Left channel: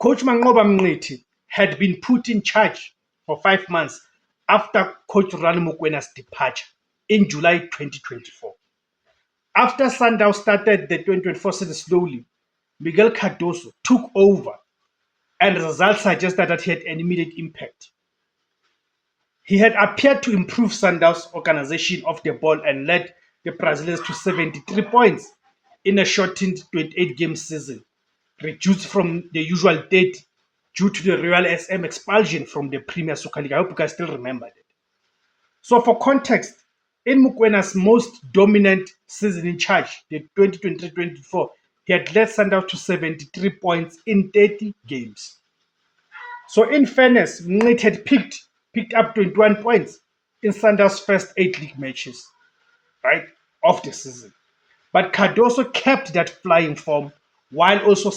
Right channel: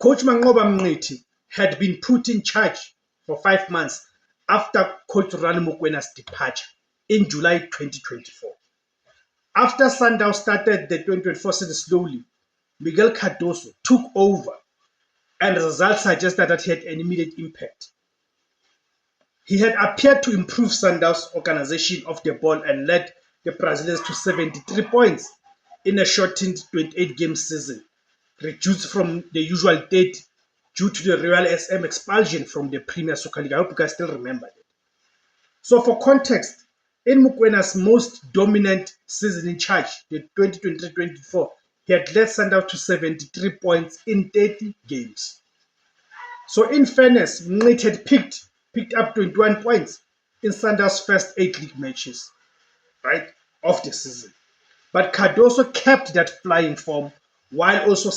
Coach Manqoba Mngqithi had been put in charge for 5 months after Coach Rani Mokwena's departure in July 2024. After Sundowns started the 2024 season slowly, Miguel Cardoso took over and results suggested that he had an immediate impact. He had appeared to improve Sundowns' organization of the ball and led the Brazilians to 73 points in a shortened 28-game season, reduced from the usual 30 due to the Royal SM expulsion from the Premier Soccer League. I hope you guys still remember that. So for context, in Mokwena's most dominant season in charge, the 2023-24, he had led Sundowns to 73 points in 30 games. So in fairness, Mngqithi had picked up 21 points in Sundowns' first 8 league matches, right, of the season. But Cardoso kept that flying form while also